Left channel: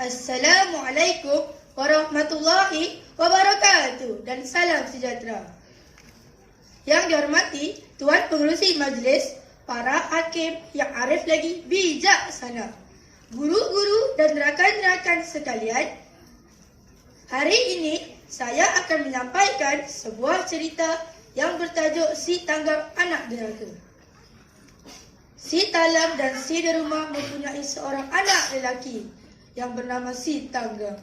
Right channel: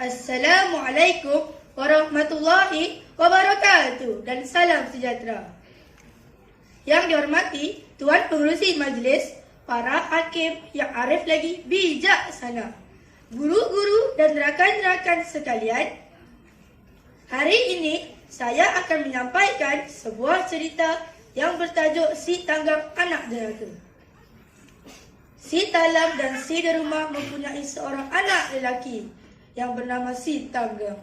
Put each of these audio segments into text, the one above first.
Assalamualaikum warahmatullahi wabarakatuh dan salam sejahtera. Yang dihormati Tuan Pengerusi Majlis, para hakim yang arif lagi bijaksana, guru-guru dan rakan-rakan sekalian, hari ini saya akan menyampaikan sebuah cerita yang bertajuk Si Tanggam Anak Deraka. Si Talam dan si Derumah mempunyai seorang anak lelaki yang bernama Si Tanggam.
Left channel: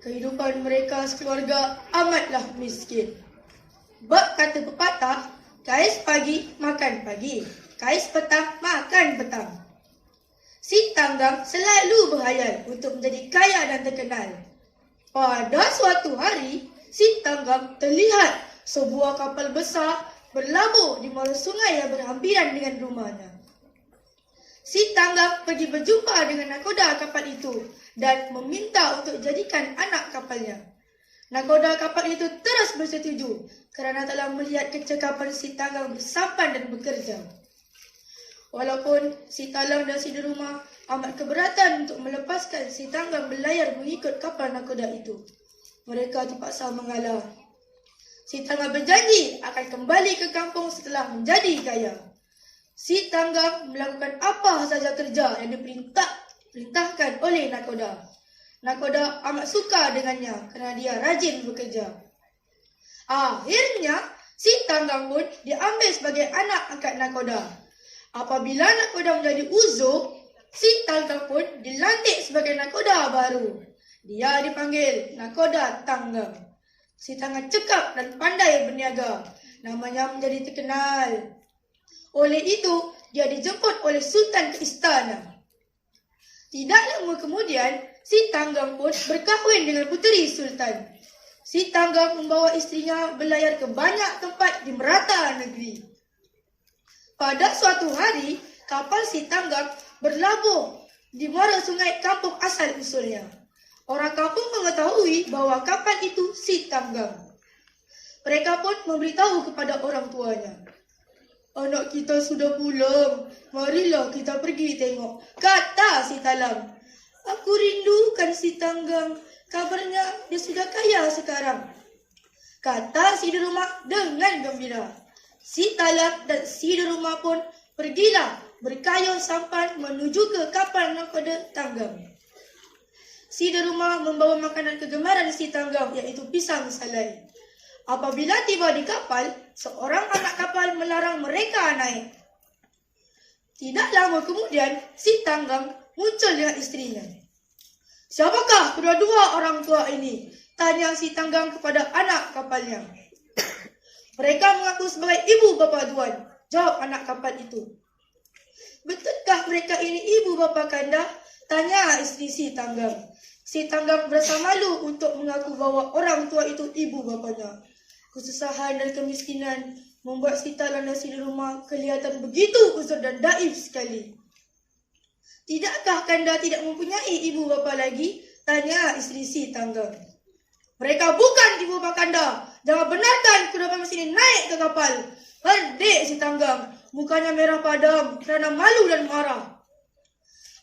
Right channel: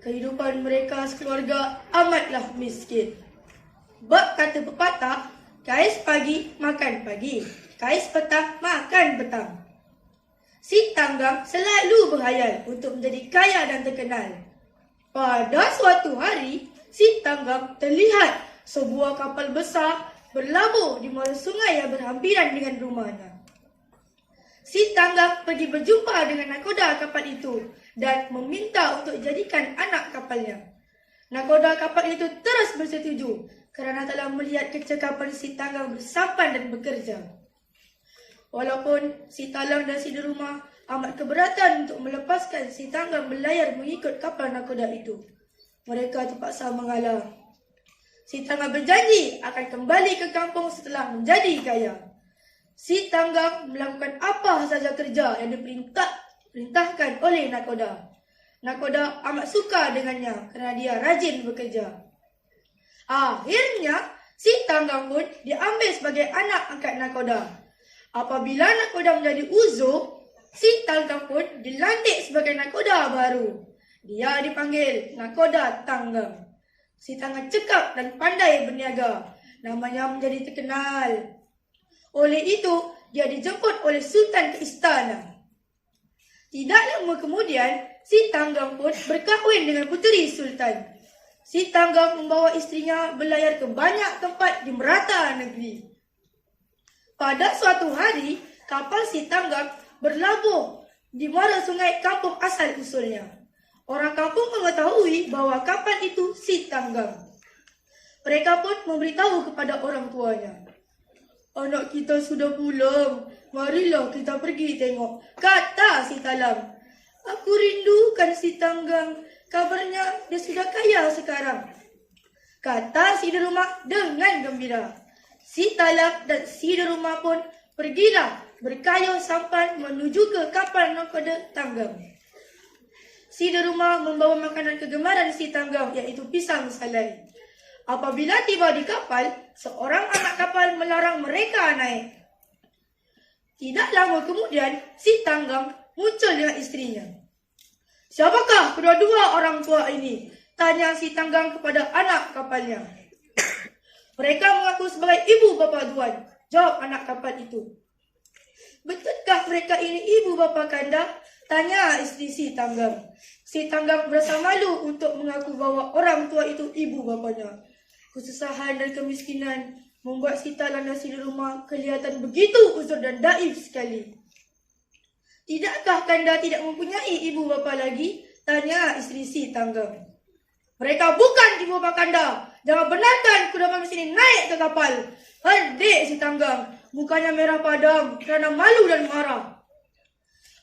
Kehidupan mereka sekeluarga amatlah miskin. Bab kata pepatah, kais pagi makan pagi, kais petang makan petang. Si Tanggam selalu berhayal untuk menjadi kaya dan terkenal. Pada suatu hari, Si Tanggam terlihat sebuah kapal besar berlabuh di muara sungai yang berhampiran dengan rumahnya. Si Tanggam pergi berjumpa dengan nakoda kapal itu dan meminta untuk jadikan anak kapalnya. Nakoda kapal itu terus bersetuju kerana telah melihat kecekapan Si Tanggam bersampan dan bekerja. Walaupun Si Talam dan si Derumah amat keberatan untuk melepaskan Si Tanggam berlayar mengikut kapal nakoda itu, mereka terpaksa mengalah. Si Tanggam berjanji akan kembali ke kampung setelah menjadi kaya. Si Tanggam melakukan apa saja kerja yang diperintahkan oleh nakoda. Nakoda amat suka dengannya kerana dia rajin bekerja. Akhirnya, Si Tanggam pun diambil sebagai anak angkat nakoda. Apabila nakoda menjadi uzur, Si Tanggam pun dilantik sebagai nakoda baru. Dia dipanggil Nakoda Tanggam. Si Tanggam cekap dan pandai berniaga. Namanya menjadi terkenal. Oleh itu, dia dijemput oleh Sultan ke istana. Tidak lama kemudian, Si Tanggam pun berkahwin dengan puteri Sultan. Si Tanggam membawa isterinya berlayar ke banyak tempat di merata negeri. Pada suatu hari, kapal Si Tanggam berlabuh di muara sungai kampung asal usulnya. Orang kampung mengetahui bahawa kapal itu Si Tanggam. Mereka pun memberitahu kepada orang tuanya. Anak kita sudah pulang, marilah kita pergi tengok, kata Si Talam. Aku rindukan Si Tanggam, kabarnya dia sudah kaya sekarang, kata si Derumah dengan gembira. Si Talam dan si Derumah pun pergilah berkayuh sampan menuju ke kapal nakoda Tanggam. Si Derumah membawa makanan kegemaran Si Tanggam, iaitu pisang salai. Apabila tiba di kapal, seorang anak kapal melarang mereka naik. Tidak lama kemudian, Si Tanggam muncul dengan isterinya. Siapakah kedua-dua orang tua ini? Tanya Si Tanggam kepada anak kapalnya. Mereka mengaku sebagai ibu bapa tuan, jawab anak kapal itu. Betulkah mereka ini ibu bapa kanda? Tanya isteri Si Tanggam. Si Tanggam berasa malu untuk mengaku bahawa orang tua itu ibu bapanya. Kesusahan dan kemiskinan membuat Si Talam dan si Derumah kelihatan begitu uzur dan daif sekali. Tidakkah kanda tidak mempunyai ibu bapa lagi? Tanya isteri Si Tanggam. Mereka bukan ibu bapa kanda. Jangan benarkan kedua manusia ini naik ke kapal. Hendik Si Tanggam. Mukanya merah padam kerana malu dan marah.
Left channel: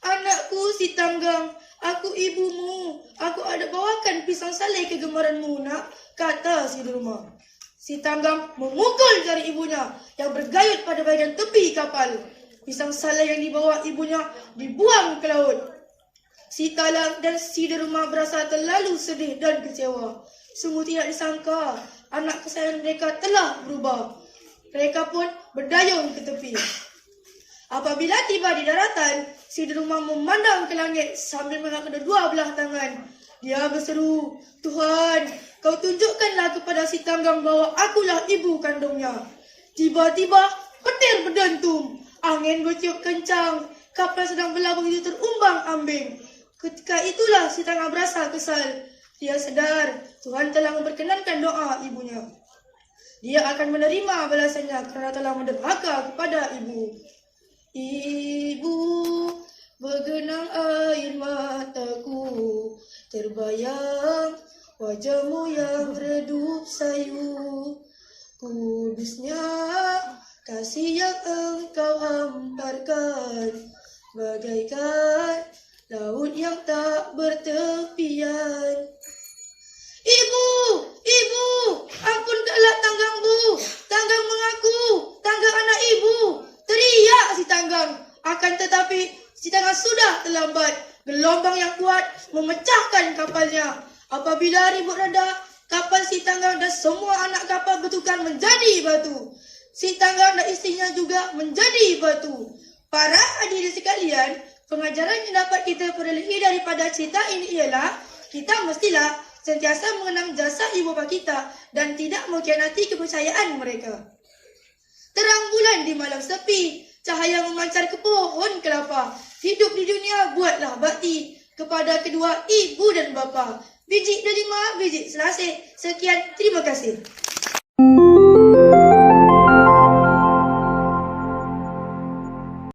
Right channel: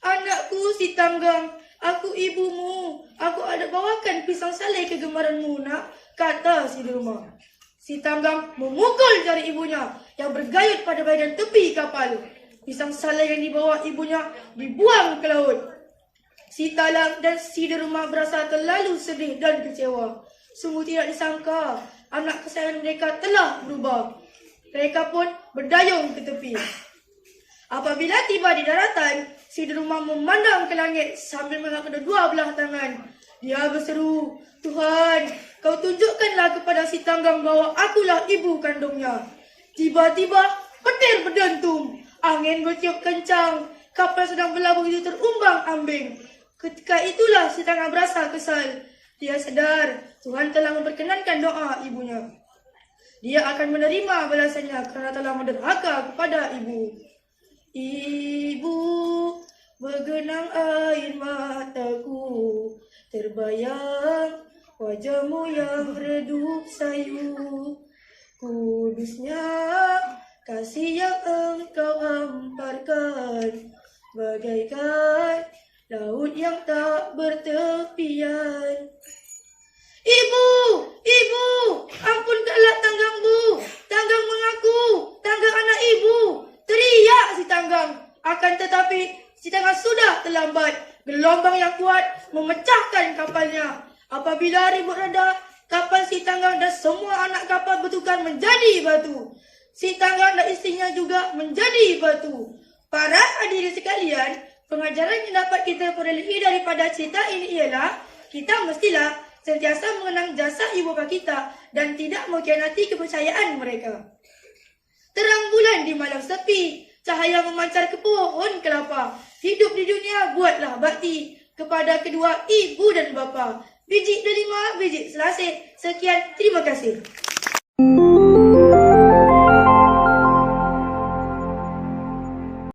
Anakku Si Tanggam, aku ibumu. Aku ada bawakan pisang salai kegemaranmu, nak, kata si Derumah. Si Tanggam memukul jari ibunya yang bergayut pada bahagian tepi kapal. Pisang salai yang dibawa ibunya dibuang ke laut. Si Talam dan si Derumah berasa terlalu sedih dan kecewa. Sungguh tidak disangka anak kesayangan mereka telah berubah. Mereka pun berdayung ke tepi. Apabila tiba di daratan, si Derumah memandang ke langit sambil mengangkat kedua belah tangan. Dia berseru, Tuhan, kau tunjukkanlah kepada Si Tanggam bahawa akulah ibu kandungnya. Tiba-tiba, petir berdentum. Angin bertiup kencang. Kapal sedang berlabuh itu terumbang ambing. Ketika itulah Si Tanggam berasa kesal. Dia sedar Tuhan telah memperkenankan doa ibunya. Dia akan menerima balasannya kerana telah menderhaka kepada ibu. Ibu, bergenang air mataku, terbayang wajahmu yang redup sayu. Kudusnya kasih yang engkau hamparkan, bagaikan laut yang tak bertepian. Ibu, ibu, ampunkanlah tanggangku. Tanggang mengaku, tanggang anak ibu. Teriak si tanggang. Akan tetapi si tanggang sudah terlambat. Gelombang yang kuat memecahkan kapalnya. Apabila ribut reda, kapal si tanggang dan semua anak kapal bertukar menjadi batu. Si tanggang dan istrinya juga menjadi batu. Para hadirin sekalian, pengajaran yang dapat kita perolehi daripada cerita ini ialah kita mestilah sentiasa mengenang jasa ibu bapa kita dan tidak mengkhianati kepercayaan mereka. Terang bulan di malam sepi, cahaya memancar ke pohon kelapa. Hidup di dunia buatlah bakti kepada kedua ibu dan bapa. Biji delima, biji selasih. Sekian, terima kasih.